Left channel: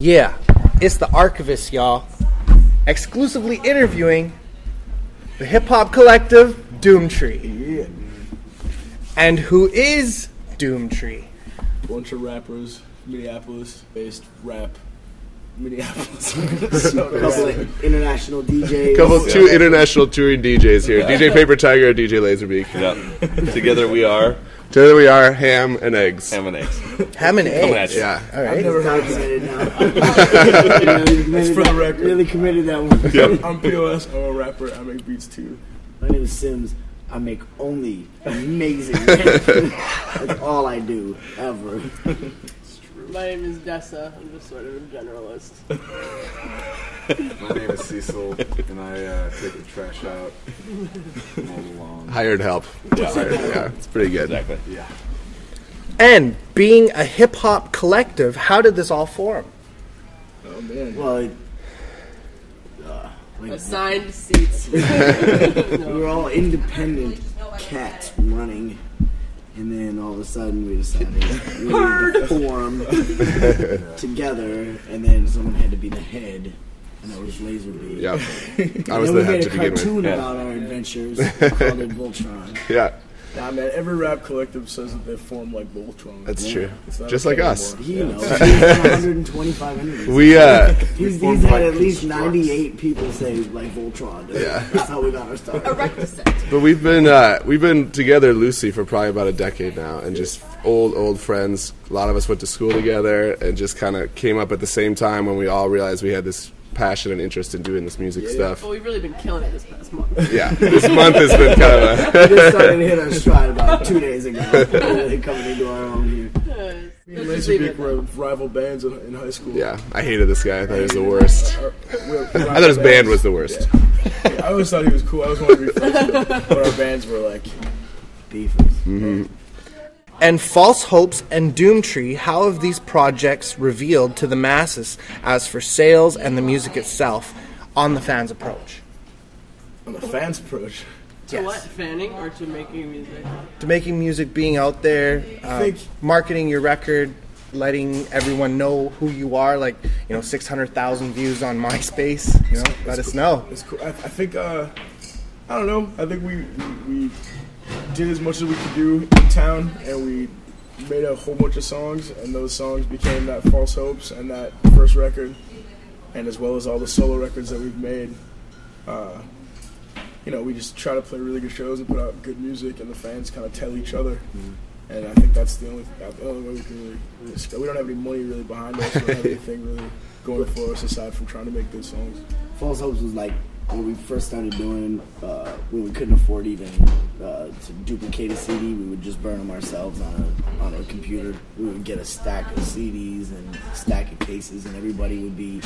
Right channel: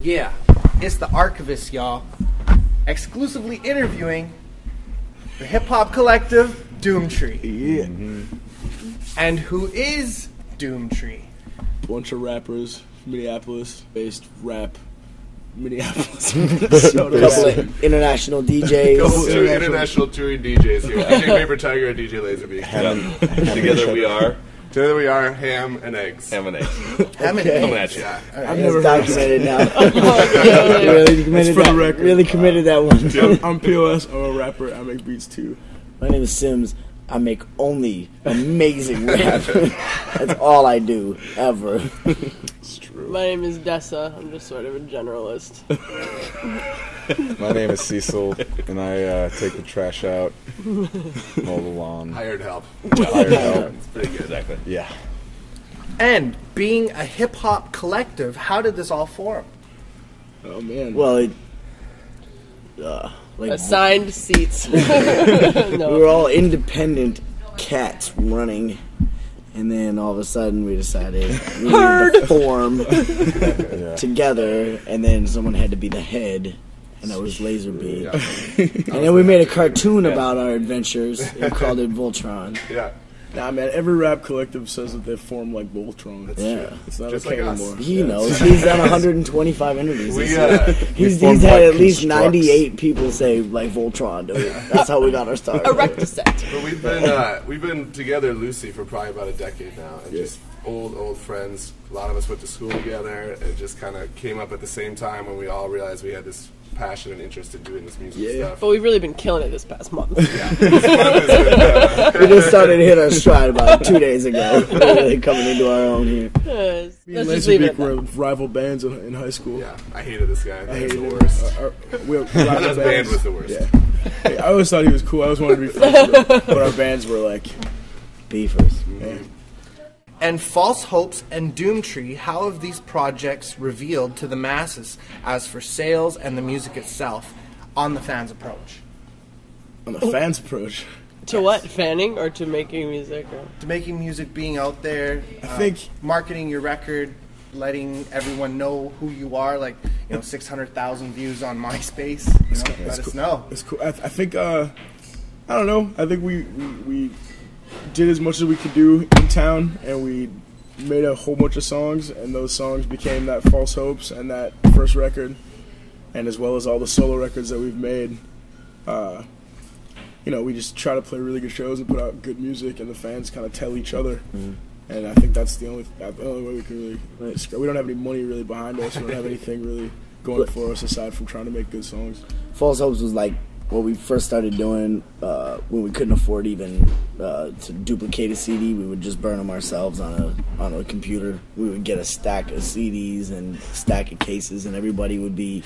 Yeah, it's the Archivest, y'all. Exclusively interviewing the hip-hop collective, Doomtree. Yeah. And who is Doomtree? Bunch of rappers, Minneapolis-based rap. Minneapolis. Couple of international DJs. Two international touring DJs here. DJ Paper Tiger and DJ Laserbeak. Yeah. Together we are Ham and Eggs. Ham and Eggs. Ham and Coming eggs. at you. Yeah. All right. I've never documented now. It's for the record. Really committed that one. Yep. I'm p.o.s. I'm a rapper. I make beats too. My name is Sims. I make only amazing rap. That's all I do, ever. It's true. My name is Dessa. I'm just sort of a generalist. My name is Cecil, and I take the trash out, mow the lawn. Hired help. Yeah, It's pretty good. Exactly. Yeah. And being a hip-hop collective, how did this all form? Oh man. Well, Assigned seats. we No. were all independent cats running, and then all of a sudden we decided we needed to form together, and then someone had to be the head, and that was Laserbeak. Yeah. And then we made a cartoon about our adventures and called it Voltron. Yeah, Nah, man. Every rap collective says that they form like Voltron. that's Yeah. true. It's not Just okay like us. anymore. He knows. He's done 125 interviews. He's formed had like at least constructs. 98 people say like Voltron. Dude. That's how we got our start. A rectisect. But we've been together loosely for probably about a decade now, and just old friends. A lot of us went to school together, and just kind of came up at the same time when we all realized we had this passion and interest in doing this music stuff. But we've really been killing it this past month. Yeah, this month has been kind of. We just started to hit our stride about 2 days ago. Really coming into our own here. Let's Me and just leave it Laserbeak at were that. rival bands in high school. Yeah, I hated this guy. I thought he was the hated worst. him. We were I thought rival his band bands. was the worst. Yeah. Hey, I always thought he was cool. I always wanted to be friends with him. But our bands were like, Beefers. Mm-hmm. And False Hopes and Doomtree, how have these projects revealed to the masses as for sales and the music itself on the fans' approach? on the fans' approach. To what? Fanning or to making music? To making music, being out there, think- marketing your record, letting everyone know who you are, like, 600,000 views on MySpace, let us know. It's cool. I think, I don't know. I think we did as much as we could do in town, and we made a whole bunch of songs, and those songs became that False Hopes and that first record, and as well as all the solo records that we've made. We just try to play really good shows and put out good music, and the fans kind of tell each other. And I think that's the only way we can really. We don't have any money really behind us. We don't have anything really going for us aside from trying to make good songs. False Hopes was like what we first started doing when we couldn't afford even to duplicate a CD. We would just burn them ourselves on a computer. We would get a stack of CDs and stack of cases, and everybody would be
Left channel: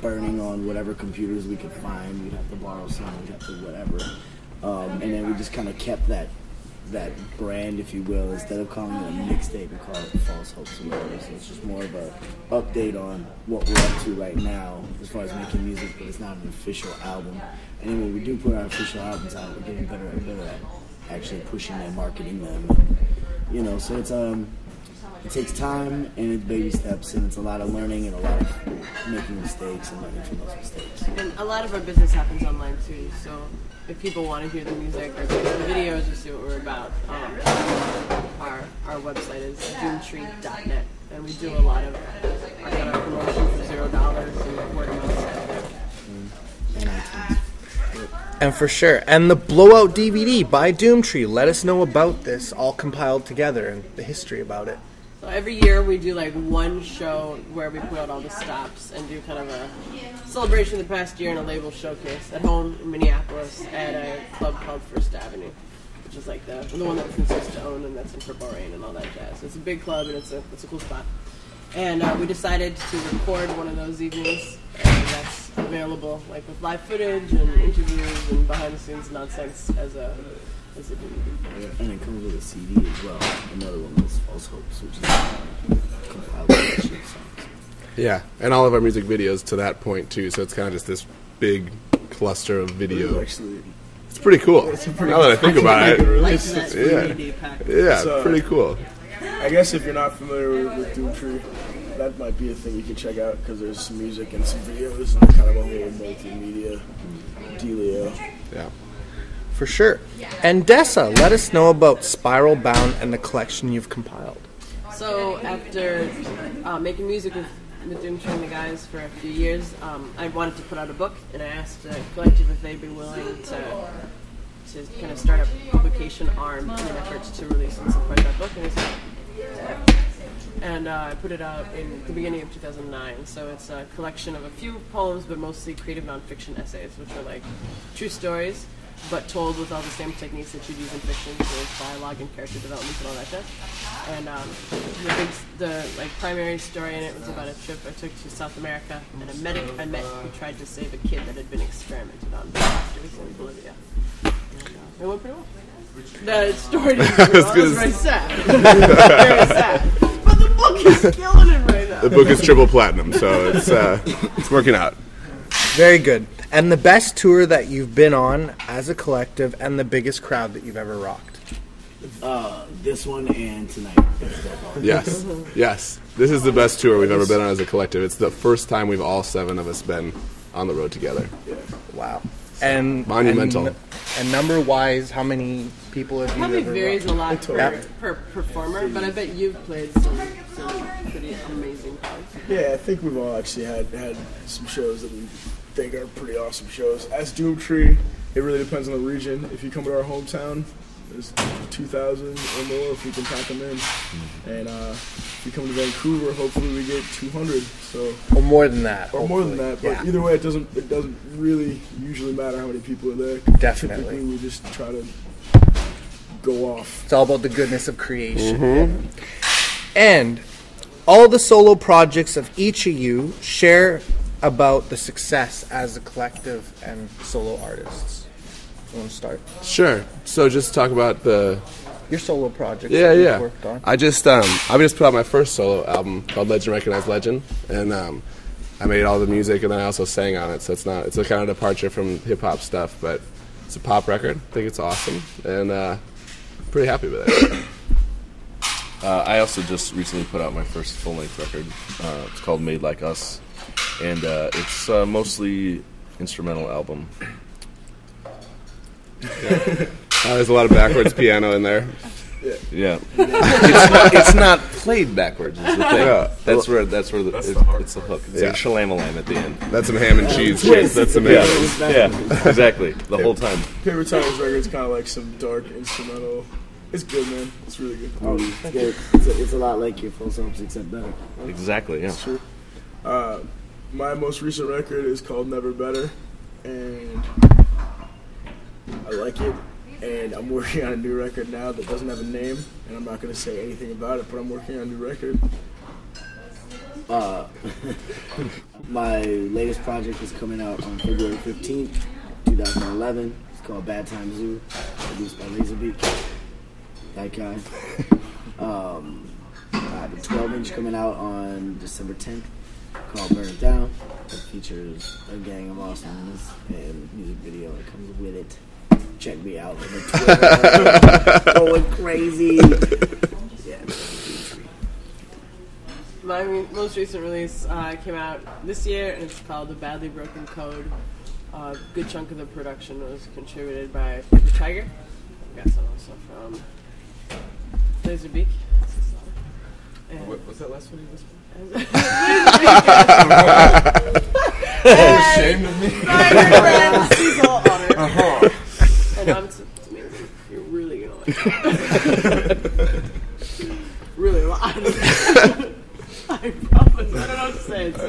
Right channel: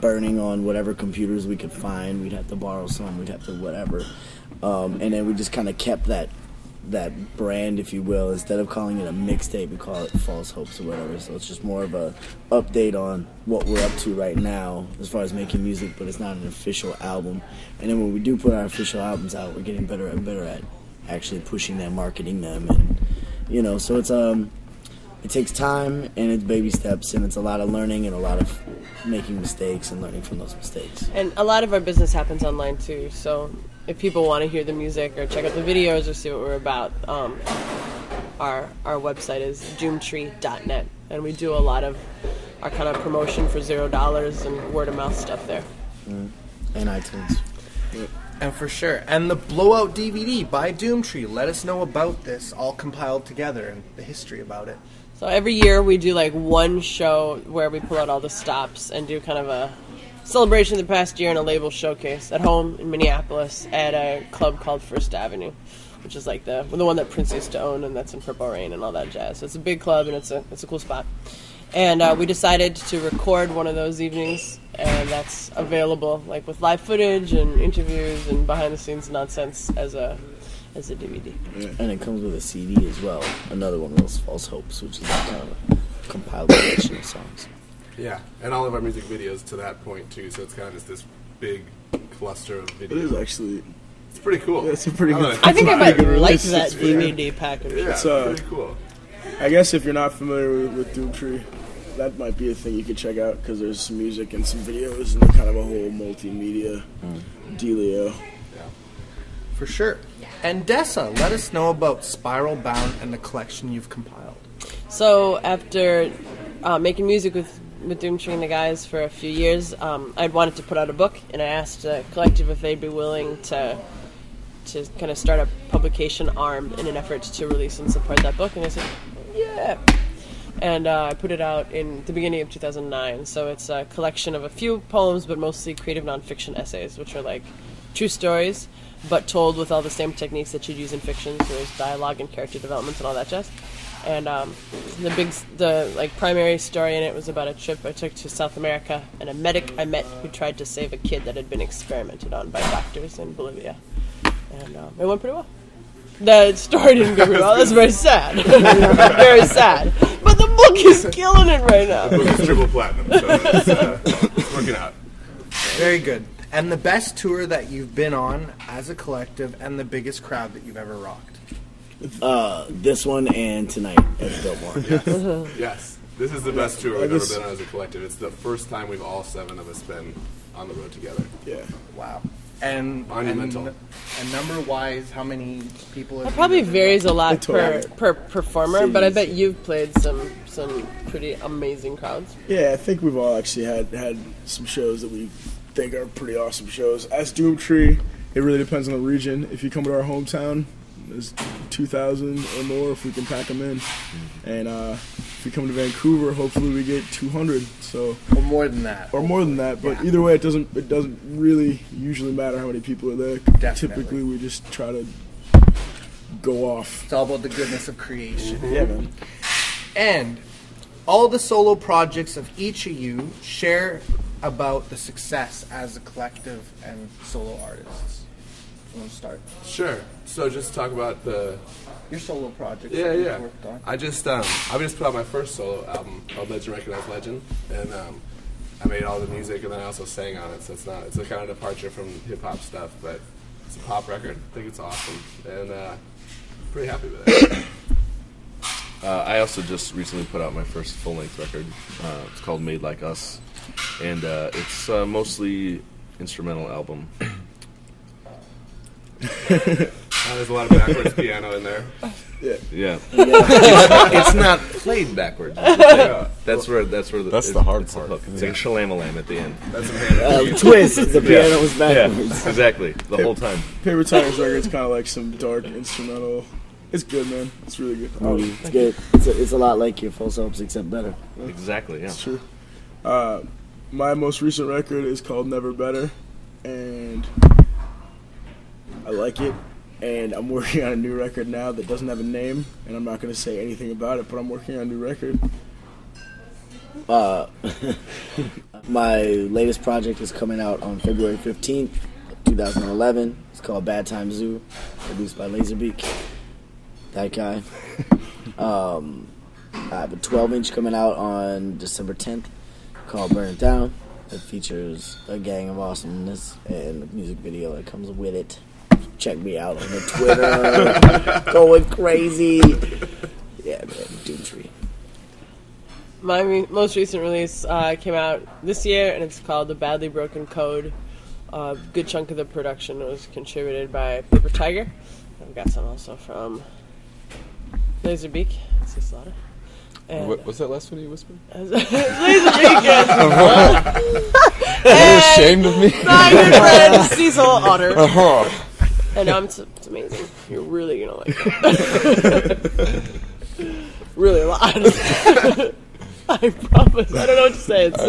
burning on whatever computers we could find. We'd have to borrow some. We'd have to whatever. And then we just kind of kept that brand, if you will. Instead of calling it a mixtape, we call it False Hopes or whatever. So it's just more of a update on what we're up to right now as far as making music, but it's not an official album. And then when we do put our official albums out, we're getting better and better at actually pushing them, marketing them, and so it's it takes time and it's baby steps, and it's a lot of learning and a lot of making mistakes and learning from those mistakes. And a lot of our business happens online too, so if people want to hear the music or check out the videos or see what we're about, our website is doomtree.net, and we do a lot of our kind of promotion for $0 and word of mouth stuff there. And iTunes. And for sure. And the Blowout DVD by Doomtree. Let us know about this, all compiled together, and the history about it. So every year we do like one show where we pull out all the stops and do kind of a celebration of the past year and a label showcase at home in Minneapolis at a club called First Avenue, which is like the one that Prince used to own, and that's in Purple Rain and all that jazz. So it's a big club, and it's a cool spot. And we decided to record one of those evenings, and that's available like with live footage and interviews and behind the scenes nonsense as a DVD. Yeah. And it comes with a CD as well. Another one of those False Hopes, which is kind of compiled collection of songs. Yeah, and all of our music videos to that point too. So it's kind of just this big cluster of It is videos. actually. It's pretty cool. It's a pretty Now that good- I I think think I about might it. like It's- that yeah. DVD package. Yeah, It's, pretty cool. I guess if you're not familiar with Doomtree, that might be a thing you could check out because there's some music and some videos and kind of a whole multimedia dealio. Yeah. For sure. And Dessa, let us know about Spiral Bound and the collection you've compiled. So after making music with Doomtree and the guys for a few years, I wanted to put out a book, and I asked the collective if they'd be willing to kind of start a publication arm in an effort to release and support that book, and they said, yeah. And I put it out in the beginning of 2009, so it's a collection of a few poems, but mostly creative nonfiction essays, which are like true stories, but told with all the same techniques that you'd use in fiction, so there's dialogue and character development and all that jazz. And the primary story in it was about a trip I took to South America and a medic I met who tried to save a kid that had been experimented on by doctors in Bolivia. And it went pretty well. The story didn't go well. It was very sad. Very sad. But the book is killing it right now. The book is triple platinum, so it's working out. Very good. And the best tour that you've been on as a collective and the biggest crowd that you've ever rocked? This one and tonight at Billboard. Yes, yes. This is the best tour we've ever been on as a collective. It's the first time we've all 7 of us been on the road together. Yeah. Wow. And monumental. And number-wise, how many people have it probably you ever varies a lot Totally. per performer, but I bet you've played some pretty amazing crowds. Yeah, I think we've all actually had some shows that we think are pretty awesome shows. As Doomtree, it really depends on the region. If you come to our hometown, there's 2,000 or more if we can pack them in. And if we come to Vancouver, hopefully we get 200. So Or more than that. or more than that. But Yeah. either way, it doesn't really usually matter how many people are there. Definitely. Typically, we just try to go off. It's all about the goodness of creation. Yeah, man. And all the solo projects of each of you share about the success as a collective and solo artists. You want to start? Sure. So just talk about Your solo projects Yeah, that you've yeah. worked on. I just put out my first solo album called Legend Recognized Legend, and I made all the music, and then I also sang on it. So it's a kind of departure from hip hop stuff, but it's a pop record. I think it's awesome, and pretty happy with it. I also just recently put out my first full-length record. It's called Made Like Us, and it's mostly instrumental album. There's a lot of backwards piano in there. Yeah, it's not played backwards. Is the thing. Yeah. That's where That's the hard it's the part. hook. It's Yeah. like shalamalama at the end. That's some ham and cheese. Twist. That's The some piano was Yeah, backwards. exactly. The whole time. Paper Tiger's record's kind of like some dark instrumental. It's good, man. It's really good. It's good. It's a lot like your Full Soaps, except better. Exactly. Yeah. It's true. My most recent record is called Never Better, and I like it. And I'm working on a new record now that doesn't have a name, and I'm not going to say anything about it, but I'm working on a new record. My latest project is coming out on February 15th, 2011. It's called Bad Time Zoo, produced by Laserbeak. That guy. I have a 12-inch coming out on December 10th called Burn It Down. It features a gang of awesomeness and the music video that comes with it. Check me out on the Twitter. Going crazy. Yeah, man, Doomtree. My most recent release came out this year, and it's called The Badly Broken Code. A good chunk of the production was contributed by Paper Tiger. I've got some also from Laserbeak. And What's that last one you whispered? ashamed of me. My good friend Cecil Otter. And it's amazing. You're really gonna like it. Really a lot. I promise. I don't know what to say. It's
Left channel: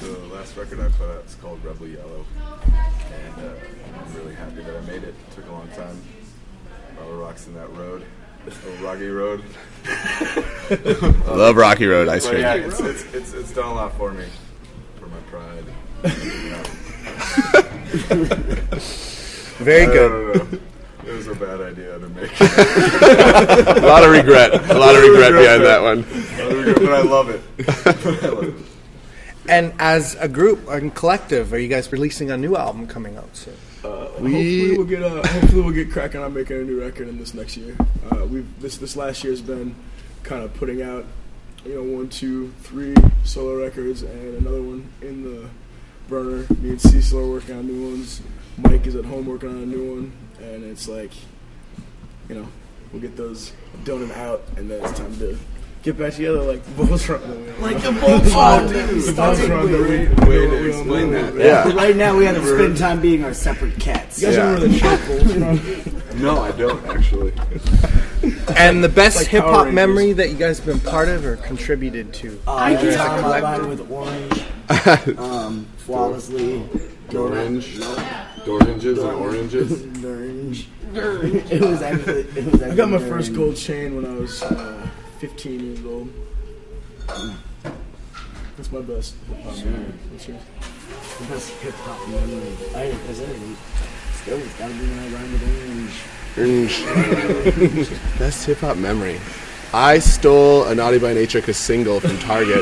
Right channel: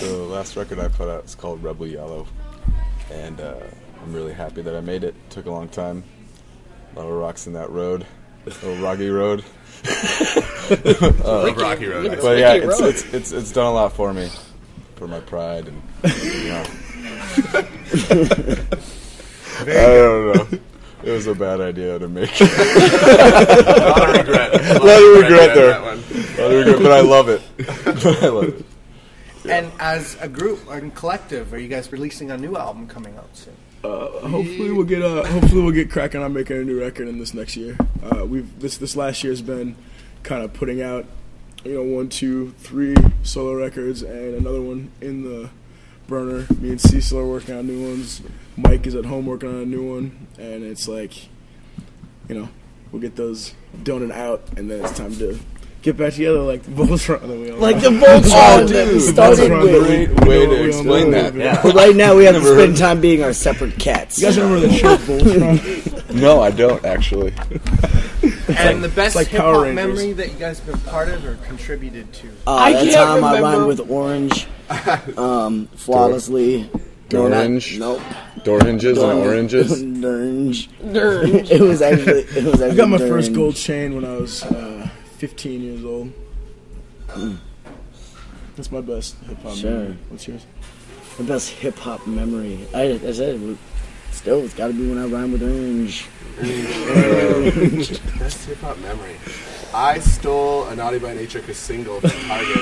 The last record I put out is called Rebel Yellow, and I'm really happy that I made it. It took a long time. A lot of rocks in that road, a little rocky road. Love Rocky Road. Ice But cream. yeah, it's done a lot for me, for my pride, and you know. Very I good. don't know. It was a bad idea to make. A lot of regret. A lot of regret behind that one. But I love it. I love it. And as a group and collective, are you guys releasing a new album coming out soon? Hopefully we'll get cracking on making a new record in this next year. This last year's been kind of putting out 1, 2, 3 solo records and another one in the burner. Me and Cecil are working on new ones. Mike is at home working on a new one, and it's like, we'll get those done and out, and then it's time to get back together like the Voltron that we all Like know. the Voltron that we started Voltron with. that Way we to all explain know. that. Yeah. But right now we have to spend time being our separate cats. You guys remember the show Voltron? No, I don't actually. And the best like hip Power hop Rangers. memory that you guys have been part of or contributed to? I That can't time I remember. rhymed with Orange, flawlessly. Orange. Nope. Door hinges and oranges. Orange. Nerd. It was actually. I got my Orange. first gold chain when I was 15 years old. That's my best hip hop Sure. memory. What's yours? The best hip hop memory. I said it's got to be when I rhyme with Orange. Best hip hop memory. I stole a Naughty by Nature single from Target.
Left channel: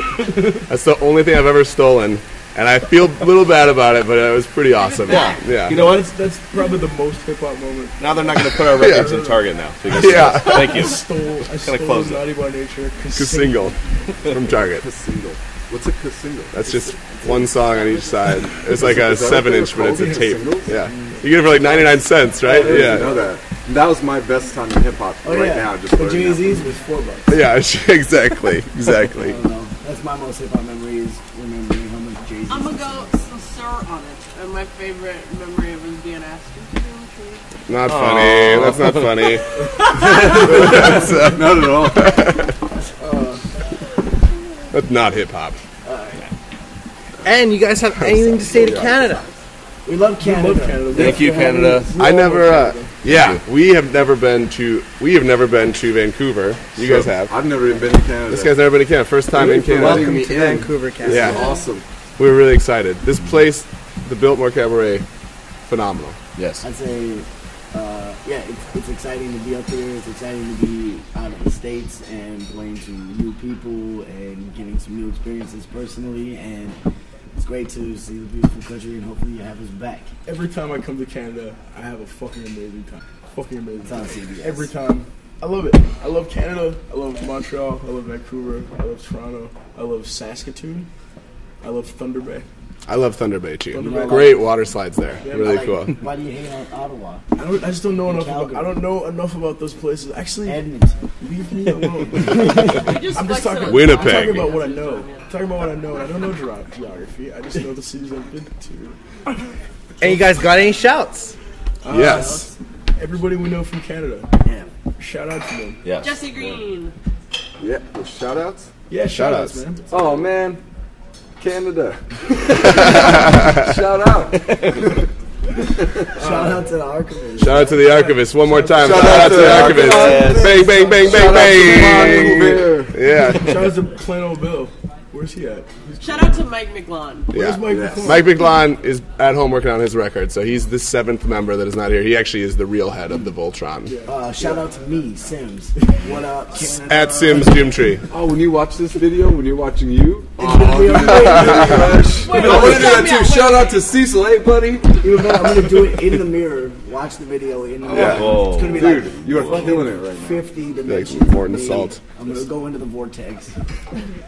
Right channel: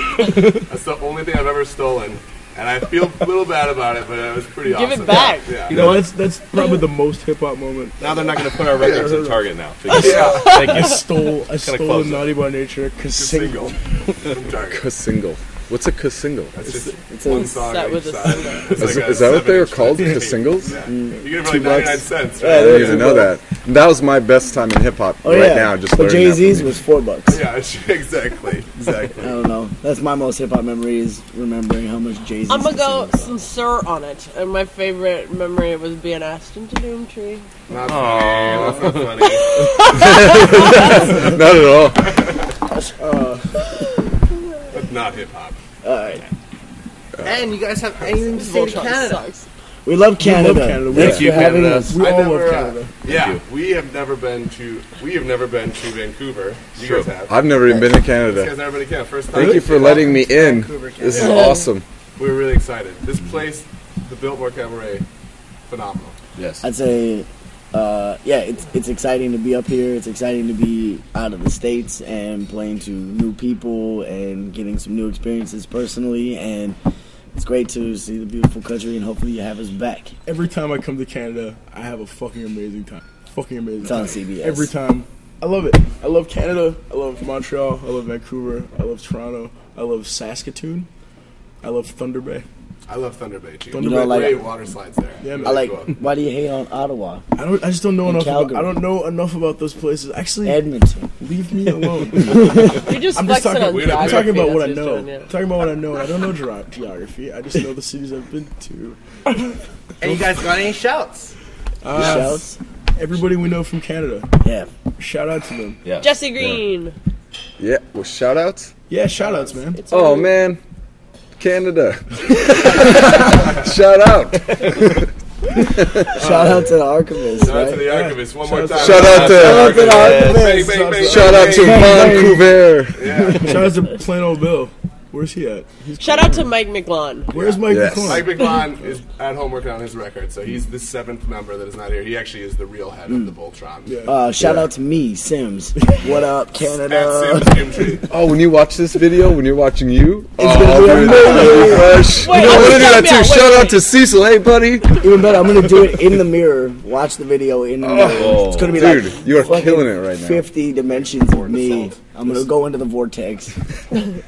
That's the only thing I've ever stolen, and I feel a little bad about it, but it was pretty awesome. back. Yeah. You know what? That's probably the most hip hop moment. Now they're not going to put our records in Target now. Yeah. Thank you. I stole close Naughty by Nature Single from Target. Single. What's a single? That's just one song that on each was a side. It's like a Is that what they were 7-inch called? but it's The tape. singles? Yeah. You get it for like 99 cents, right? I didn't know that. That was my best time in hip hop now. Just but learning that Jay-Z's was $4. Yeah, exactly. I Exactly. don't know. That's my most hip hop memory is remembering how much Jay-Z. I'm gonna go sincere on it, and my favorite memory was being asked into Doomtree. Not funny. That's not funny. Not at all. That's not hip hop. And you guys have anything to say to Canada? We love Canada. love Canada. Thank you, Canada. I all never. love Canada. Yeah, we have never been to Vancouver. You guys have. I've never even been to This Canada. guy's never been to Canada. First time. Thank you in for Canada. letting me in. Vancouver, This Canada. is awesome. We were really excited. This place, the Biltmore Cabaret, phenomenal. Yes. I'd say, it's exciting to be up here. It's exciting to be out of the States and playing to new people and getting some new experiences personally. And it's great to see the beautiful country, and hopefully you have us back. Every time I come to Canada, I have a fucking amazing time. Fucking amazing It's on time. CBS. Every time. I love it. I love Canada. I love Montreal. I love Vancouver. I love Toronto. I love Saskatoon. I love Thunder Bay. I love Thunder Bay too. Thunder Bay. Great water slides there. Yeah, Really cool. Why do you hate on Ottawa? I just don't know enough. Calgary. I don't know enough about those places. Actually, Edmonton. leave me alone. We just I'm just flexing talking. on Winnipeg. I'm talking about what I That's know. what he's doing, I'm talking about what I know. I don't know geography. I just know the cities I've been to. And you guys got any shouts? Yes. Shouts? Everybody we know from Canada. Yeah. Shout out to them. Yes. Jesse Green. Yeah. Well, shout outs. Yeah, shout outs, man. Oh man, Canada. Shout out. Shout out to the Archivest. Shout out to the Archivist one more time. Shout out to the Archivist. Bang, bang, bang, Shout out to bang, Vancouver. bang. Yeah. Shout out to plain old Bill. Where's he at? Shout out to Mike McLawn. Where's Mike Yes. McClung? Mike McLawn is at home working on his record, so he's the 7th member that is not here. He actually is the real head of the Voltron. Yeah. Shout out to me, Sims. What up, Canada? At Sims Doomtree. Oh, when you watch this video, when you're watching you, It's gonna be amazing. fresh. Wait, I want to do shout that me too. out. Shout Wait, out to Cecil. Hey, buddy. Even better, I'm gonna do it in the mirror. Watch the video in the mirror. Oh. It's gonna be Dude, like you are fucking killing it right now. 50 dimensions of important me. assault. I'm gonna go into the vortex.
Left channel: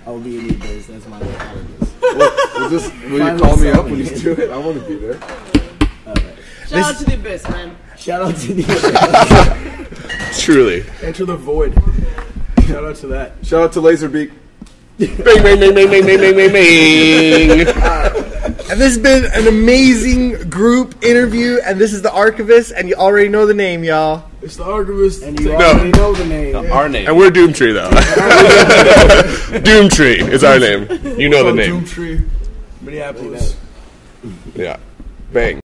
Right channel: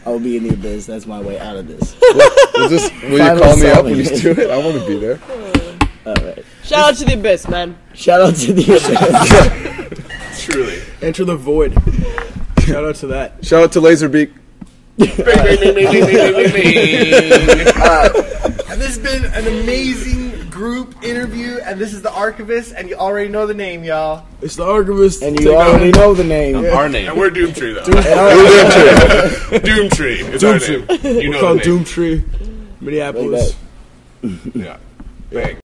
I will be in the abyss. That's my way out of this. Will you Finally call me saw up when me. you do it? I want to be there. All right. Shout out to the Abyss, man. Shout out to the abyss. Truly. Enter the void. Shout out to that. Shout out to Laserbeak. Bang, bang, bang, bang, bang, bang, bang, bang. And this has been an amazing group interview, and this is the Archivist, and you already know the name, y'all. It's the Archivist. And you already know the name. Our name. And we're Doomtree, though. Doomtree is our name. You know the called name. Doomtree, Minneapolis. Like Yeah. Bang.